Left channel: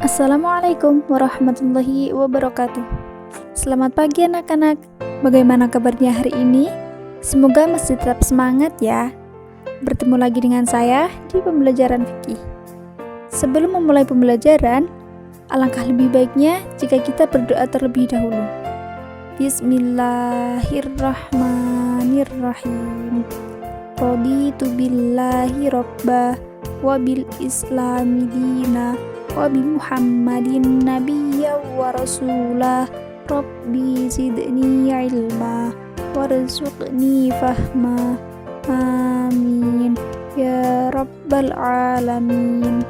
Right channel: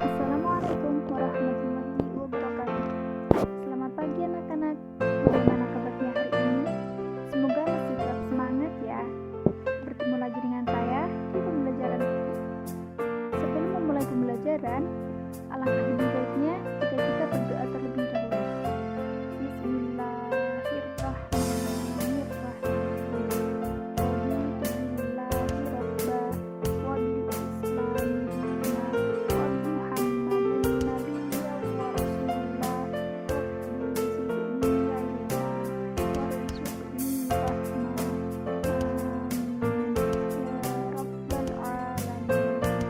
Assalamualaikum warahmatullahi wabarakatuh. Selamat pagi anak-anak. Bagaimana kabarnya hari ini? Semoga masih tetap semangat ya. Bertemu lagi dengan saya di pembelajaran fikih. Sebelum memulai pembelajaran, alangkah lebih baiknya jika kita berdoa terlebih dahulu. Bismillahirrahmanirrahim. Raditu billahi rabbah wa bil islami dina wa bi Muhammadin nabiyya wa rasulah. Rabbi zidni ilma warzuqni fahma. Amin ya rabbal alamin.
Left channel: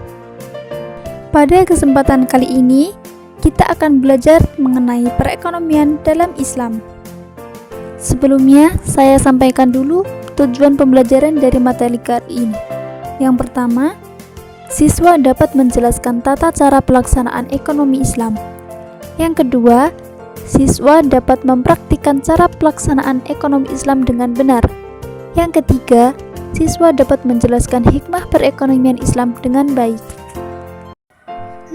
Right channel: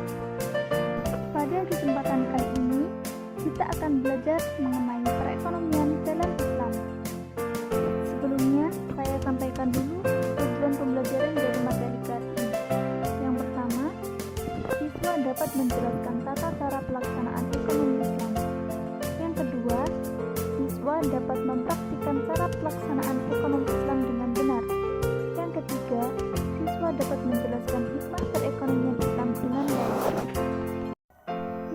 Pada kesempatan kali ini kita akan belajar mengenai perekonomian dalam Islam. Sebelumnya saya sampaikan dulu tujuan pembelajaran dari materi kali ini. Yang pertama, siswa dapat menjelaskan tata cara pelaksanaan ekonomi Islam. Yang kedua, siswa dapat mempraktikkan cara pelaksanaan ekonomi Islam dengan benar. Yang ketiga, siswa dapat menjelaskan hikmah perekonomian Islam dengan baik.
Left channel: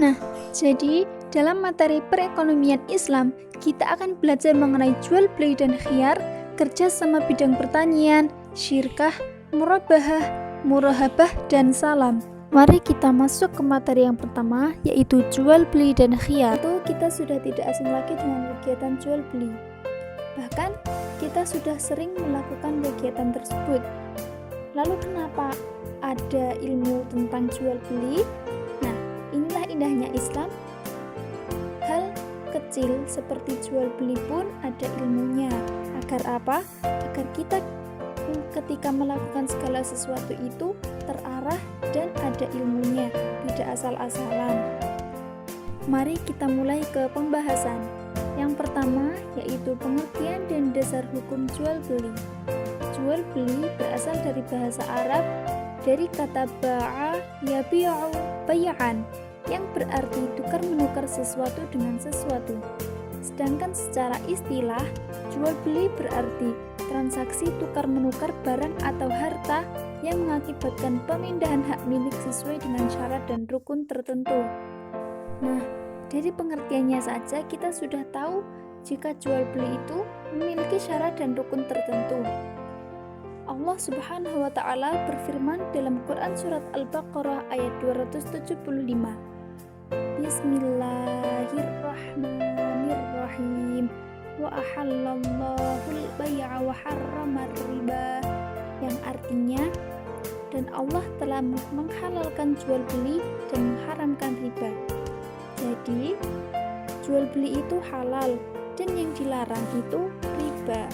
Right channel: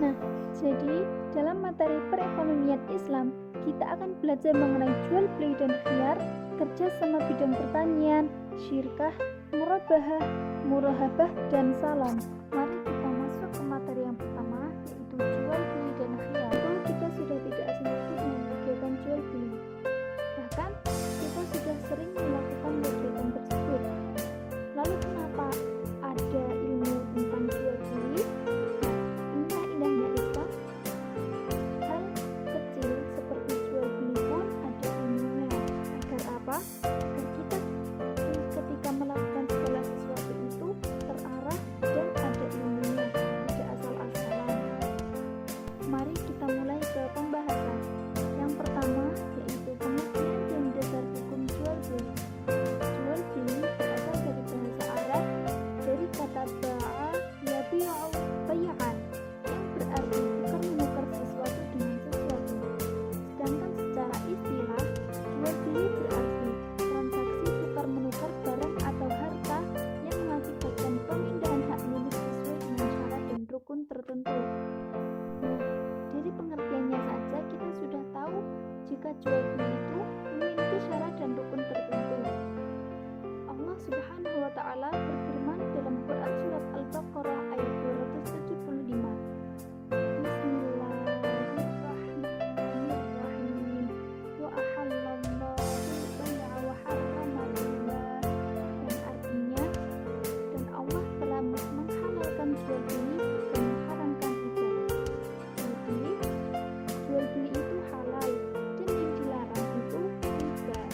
Nah, jadi dalam materi perekonomian Islam, kita akan belajar mengenai jual beli dan khiyar, kerja sama bidang pertanian, syirkah, murabahah, murahabah, dan salam. Mari kita masuk ke materi yang pertama, yaitu jual beli dan khiyar. Itu kita sudah tidak asing lagi dengan kegiatan jual beli. Bahkan kita sudah sering melakukan kegiatan tersebut. Lalu kenapa ada ilmu tentang jual beli? Nah, inilah indahnya Islam. Hal kecil seperti jual beli pun ada ilmunya. Agar apa? Agar kita ketika melakukan segala sesuatu itu terarah dan ada ilmunya, tidak asal-asalan. Mari kita mulai ke pembahasan. Yang pertama yaitu pengertian dan dasar hukum jual beli. Jual beli berasal dari bahasa Arab dari kata ba'a yabi'u bay'an yang berarti tukar menukar sesuatu dengan sesuatu. Sedangkan secara istilah, jual beli berarti transaksi tukar menukar barang atau harta yang mengakibatkan pemindahan hak milik sesuai dengan syarat dan rukun tertentu. Nah, dari pengertiannya saja kita sudah tahu jika jual beli itu memiliki syarat dan rukun tertentu. Allah Subhanahu wa taala berfirman dalam Quran surat Al-Baqarah ayat 275. Bismillahirrahmanirrahim. Wa ahallallahul bai'a wa harramar riba, yang artinya dan Allah telah menghalalkan jual beli dan mengharamkan riba. Jadi jual beli itu halal dan yang dilarang itu riba.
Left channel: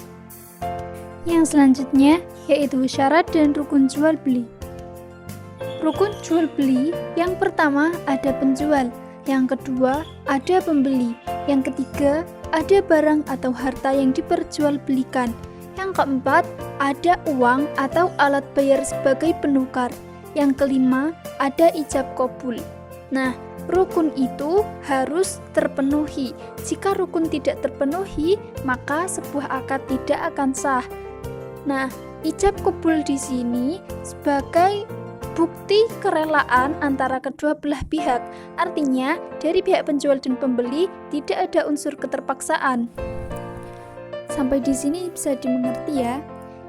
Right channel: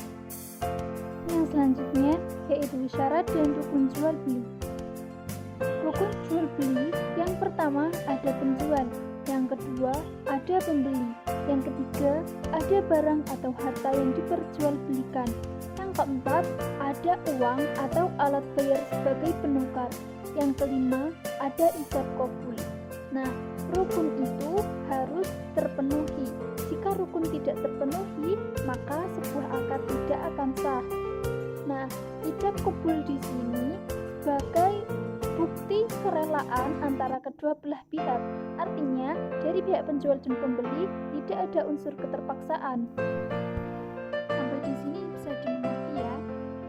Yang selanjutnya yaitu syarat dan rukun jual beli. Rukun jual beli yang pertama ada penjual, yang kedua ada pembeli, yang ketiga ada barang atau harta yang diperjualbelikan, yang keempat ada uang atau alat bayar sebagai penukar, yang kelima ada ijab qabul. Nah, rukun itu harus terpenuhi. Jika rukun tidak terpenuhi, maka sebuah akad tidak akan sah. Nah, ijab qabul di sini sebagai bukti kerelaan antara kedua belah pihak. Artinya, dari pihak penjual dan pembeli tidak ada unsur keterpaksaan. Sampai di sini bisa dimengerti ya.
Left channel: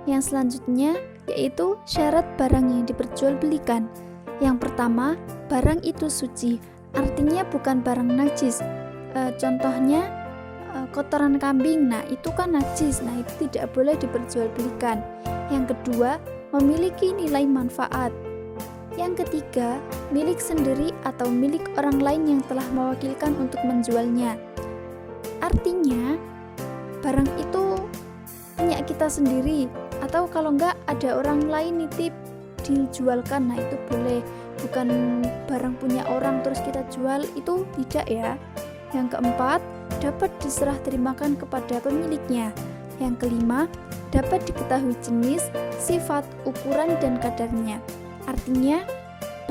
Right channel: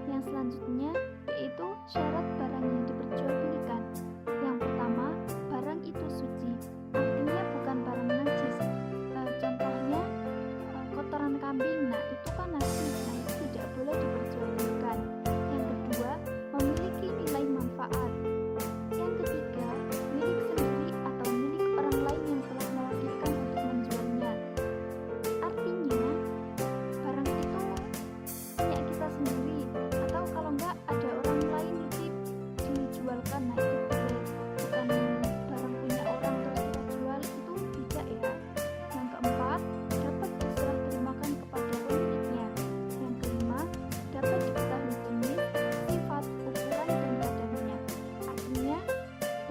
Yang selanjutnya yaitu syarat barang yang diperjualbelikan. Yang pertama, barang itu suci. Artinya bukan barang najis. Contohnya kotoran kambing. Nah, itu kan najis. Nah, itu tidak boleh diperjualbelikan. Yang kedua, memiliki nilai manfaat. Yang ketiga, milik sendiri atau milik orang lain yang telah mewakilkan untuk menjualnya. Artinya, barang itu punya kita sendiri, atau kalau enggak ada orang lain nitip dijualkan, nah itu boleh. Bukan barang punya orang terus kita jual, itu tidak ya. Yang keempat, dapat diserah terimakan kepada pemiliknya. Yang kelima, dapat diketahui jenis, sifat, ukuran, dan kadarnya. Artinya,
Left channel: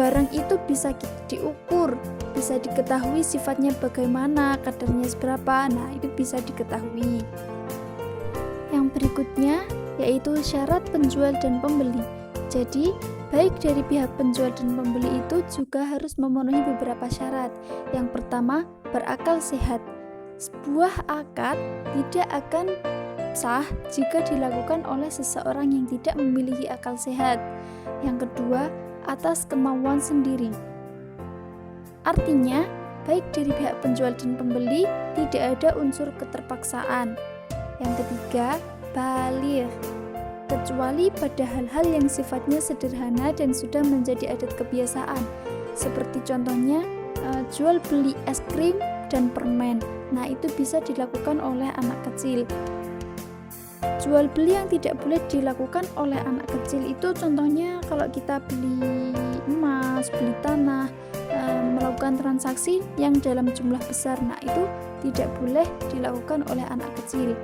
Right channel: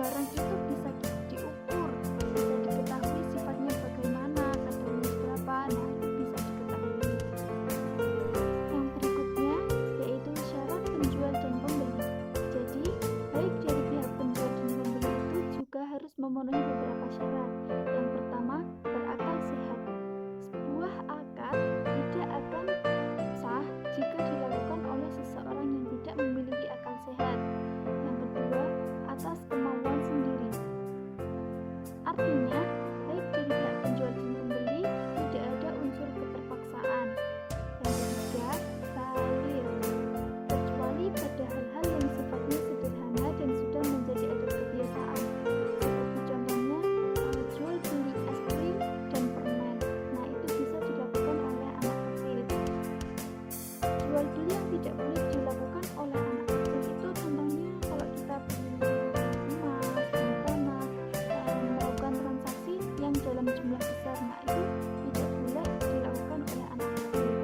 barang itu bisa diukur, bisa diketahui sifatnya bagaimana, kadarnya seberapa, nah itu bisa diketahui. Yang berikutnya yaitu syarat penjual dan pembeli. Jadi, baik dari pihak penjual dan pembeli itu juga harus memenuhi beberapa syarat. Yang pertama, berakal sehat. Sebuah akad tidak akan sah jika dilakukan oleh seseorang yang tidak memiliki akal sehat. Yang kedua, atas kemauan sendiri. Artinya, baik dari pihak penjual dan pembeli tidak ada unsur keterpaksaan. Yang ketiga, baligh. Kecuali pada hal-hal yang sifatnya sederhana dan sudah menjadi adat kebiasaan, seperti contohnya jual beli es krim dan permen. Nah, itu bisa dilakukan oleh anak kecil. Jual beli yang tidak boleh dilakukan oleh anak kecil itu contohnya kalau kita beli emas, beli tanah, melakukan transaksi yang dalam jumlah besar. Nah, itu tidak boleh dilakukan oleh anak kecil.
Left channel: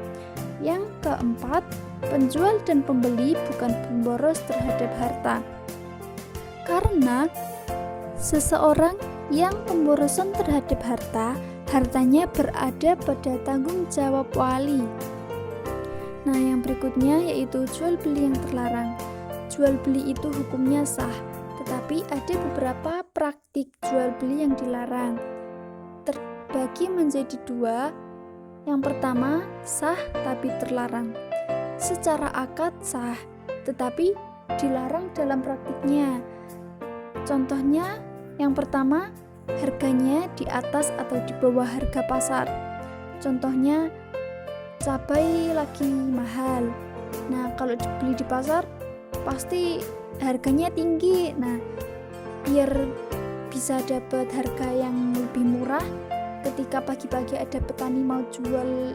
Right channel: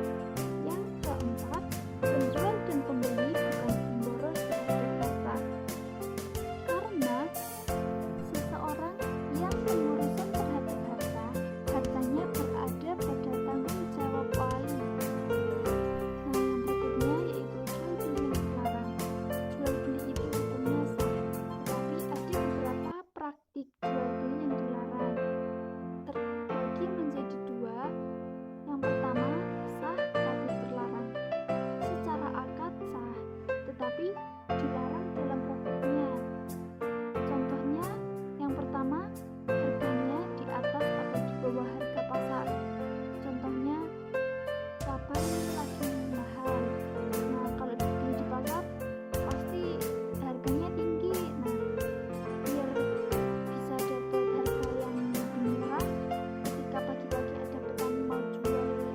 Yang keempat, penjual dan pembeli bukan pemboros terhadap harta. Karena seseorang yang pemborosan terhadap hartanya berada pada tanggung jawab wali. Nah, yang berikutnya yaitu jual beli yang terlarang. Jual beli itu hukumnya sah, tetapi ada beberapa praktik jual beli yang dilarang. Terbagi menjadi dua. Yang pertama, sah tapi terlarang. Secara akad sah, tetapi dilarang dalam praktiknya. Contohnya, yang pertama, harganya di atas atau di bawah harga pasar. Contohnya, cabai lagi mahal. Nah, kalau dibeli di pasar pasti harganya tinggi. Nah, biar bisa dapat harga yang lebih murah, ketika pagi-pagi ada petani mau jual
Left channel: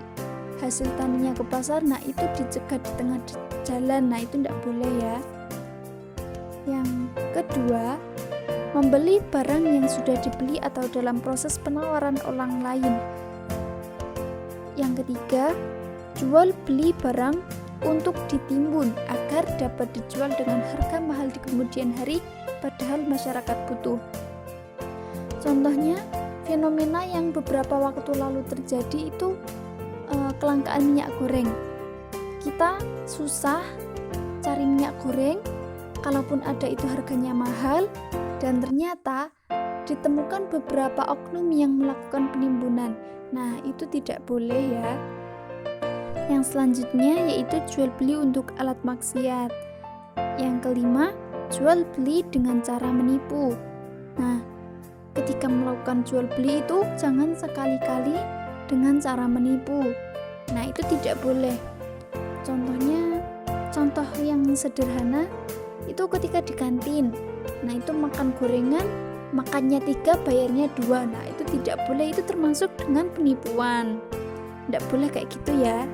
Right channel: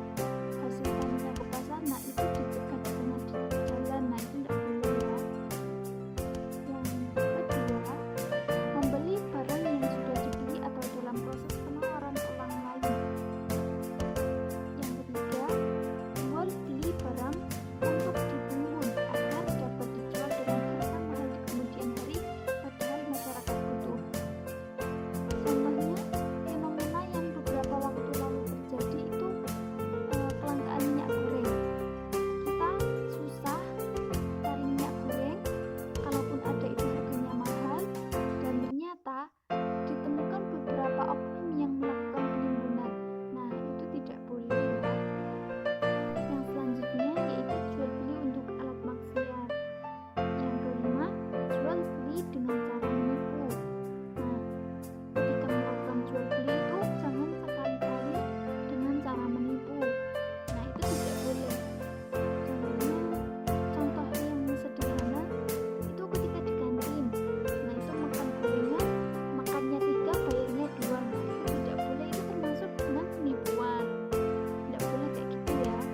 hasil taninya ke pasar, nah itu dicegat di tengah jalan. Nah, itu tidak boleh ya. Yang kedua, membeli barang yang sudah dibeli atau dalam proses penawaran orang lain. Yang ketiga, jual beli barang untuk ditimbun agar dapat dijual dengan harga mahal di kemudian hari padahal masyarakat butuh. Contohnya, fenomena yang beberapa waktu lalu terjadi itu kelangkaan minyak goreng. Kita susah cari minyak goreng, kalaupun ada itu harganya mahal, dan ternyata ditemukan beberapa oknum yang melakukan penimbunan. Nah, itu tidak boleh ya. Yang selanjutnya yaitu jual beli untuk alat maksiat. Yang kelima, jual beli dengan cara menipu. Nah, ketika melakukan jual beli itu jangan sekali-kali dengan cara menipu. Nah, itu tidak boleh. Contoh yang sederhana itu ketika di kantin. Nah, itu makan gorengan, makannya 3, bayarnya 2. Nah, itu tidak boleh, itu termasuk dengan penipuan. Tidak boleh kayak gitu ya.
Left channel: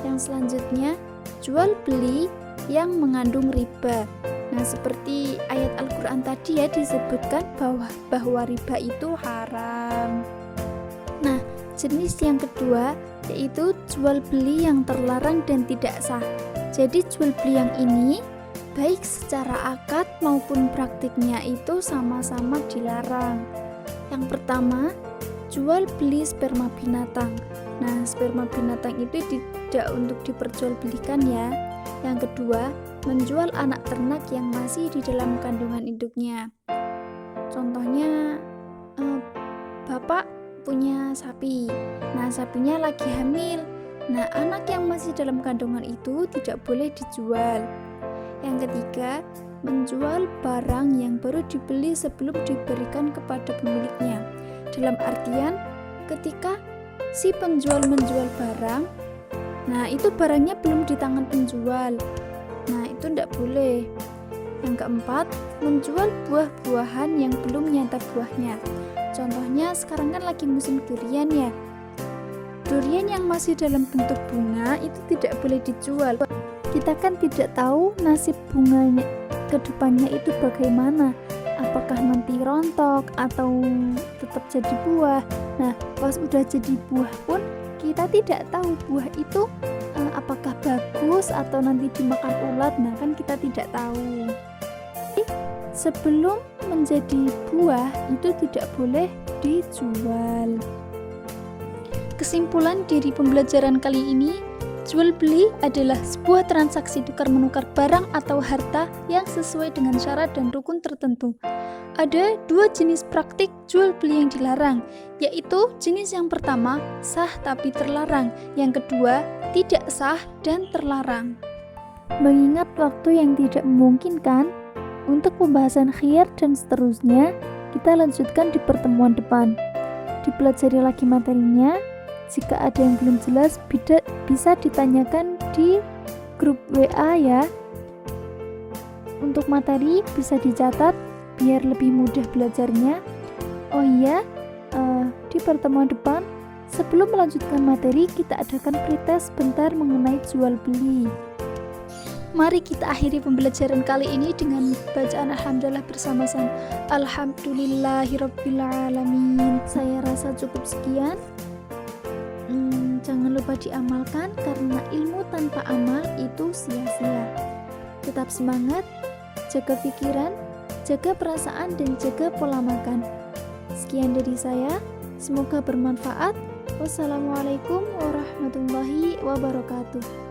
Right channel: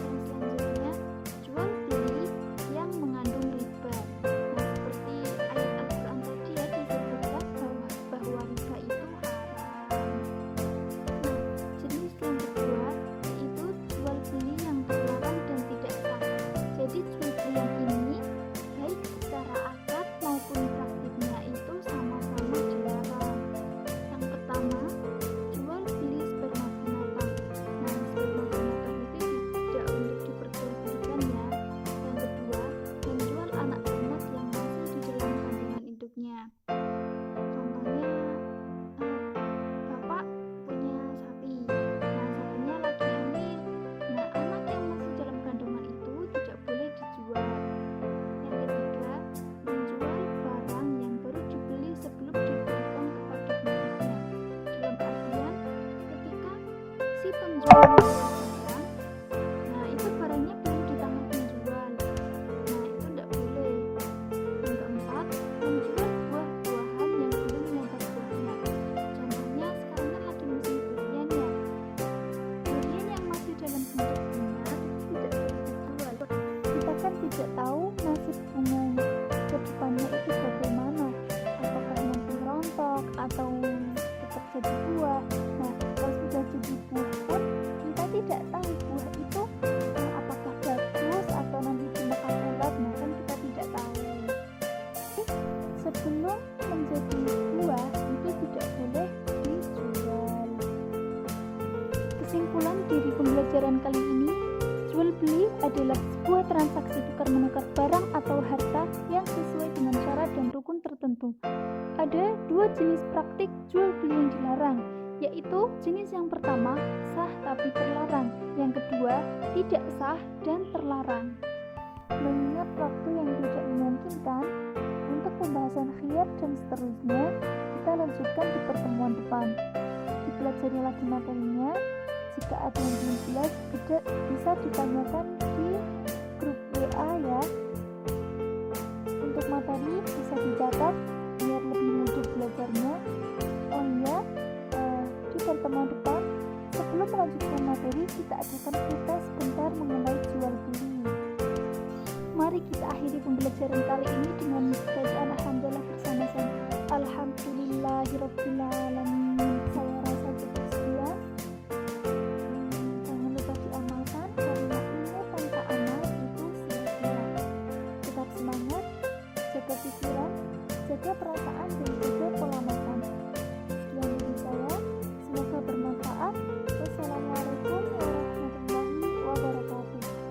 Yang selanjutnya, jual beli yang mengandung riba. Nah, seperti ayat Al-Quran tadi ya, disebutkan bahwa riba itu haram. Nah, jenis yang kedua yaitu jual beli yang terlarang dan tidak sah. Jadi jual beli yang ini baik secara akad maupun praktiknya itu sama-sama dilarang. Yang pertama, jual beli sperma binatang. Nah, sperma binatang itu tidak untuk diperjualbelikan ya. Yang kedua, menjual anak ternak yang masih di dalam kandungan induknya. Contohnya, bapak punya sapi. Nah, sapinya lagi hamil. Nah, anak yang masih dalam kandungan itu tidak boleh dijual. Yang ketiga, menjual barang yang baru dibeli sebelum diberikan kepada pemiliknya. Dalam artian, ketika si penjual menjual barang, nah itu barangnya belum di tangan penjual. Nah, itu tidak boleh. Yang keempat, menjual buah-buahan yang belum nyata buahnya. Contohnya sekarang kan lagi musim durian ya. Durian yang masih dalam bentuk bunga itu tidak boleh dijual. Kita kan tidak tahu nasib bunganya ke depannya itu bagaimana. Apakah nanti rontok atau tetap jadi buah. Nah, pas udah jadi buah pun kita tidak tahu buah itu apakah bagus atau nanti dimakan ulat. Nah, kan kita tidak tahu. Sebelum menjadi buah itu tidak boleh dijual. Kesimpulan dari pembelajaran kali ini, Jual beli adalah sebuah transaksi tukar-menukar barang atau harta yang sesuai dengan syarat dan rukun tertentu. Ada dua jenis praktik jual beli yang dilarang, yaitu jenis yang pertama, sah tapi terlarang, yang kedua, tidak sah dan terlarang. Mengingat waktu yang tidak memungkinkan, untuk pembahasan khiyar dan seterusnya, kita lanjutkan di pertemuan depan. Dipelajari lagi materinya. Jika ada yang belum jelas, bisa ditanyakan di grup WA ya. Untuk materi bisa dicatat biar lebih mudah belajarnya. Oh iya, di pertemuan depan, sebelum melanjutkan materi, kita adakan pretest bentar mengenai jual beli. Mari kita akhiri pembelajaran kali ini dengan bacaan Alhamdulillah bersama-sama. Alhamdulillahirrabbilalamin. Saya rasa cukup sekian. Jangan lupa diamalkan karena ilmu tanpa amal itu sia-sia. Tetap semangat, jaga pikiran, jaga perasaan dan jaga pola makan. Sekian dari saya, semoga bermanfaat. Wassalamualaikum warahmatullahi wabarakatuh.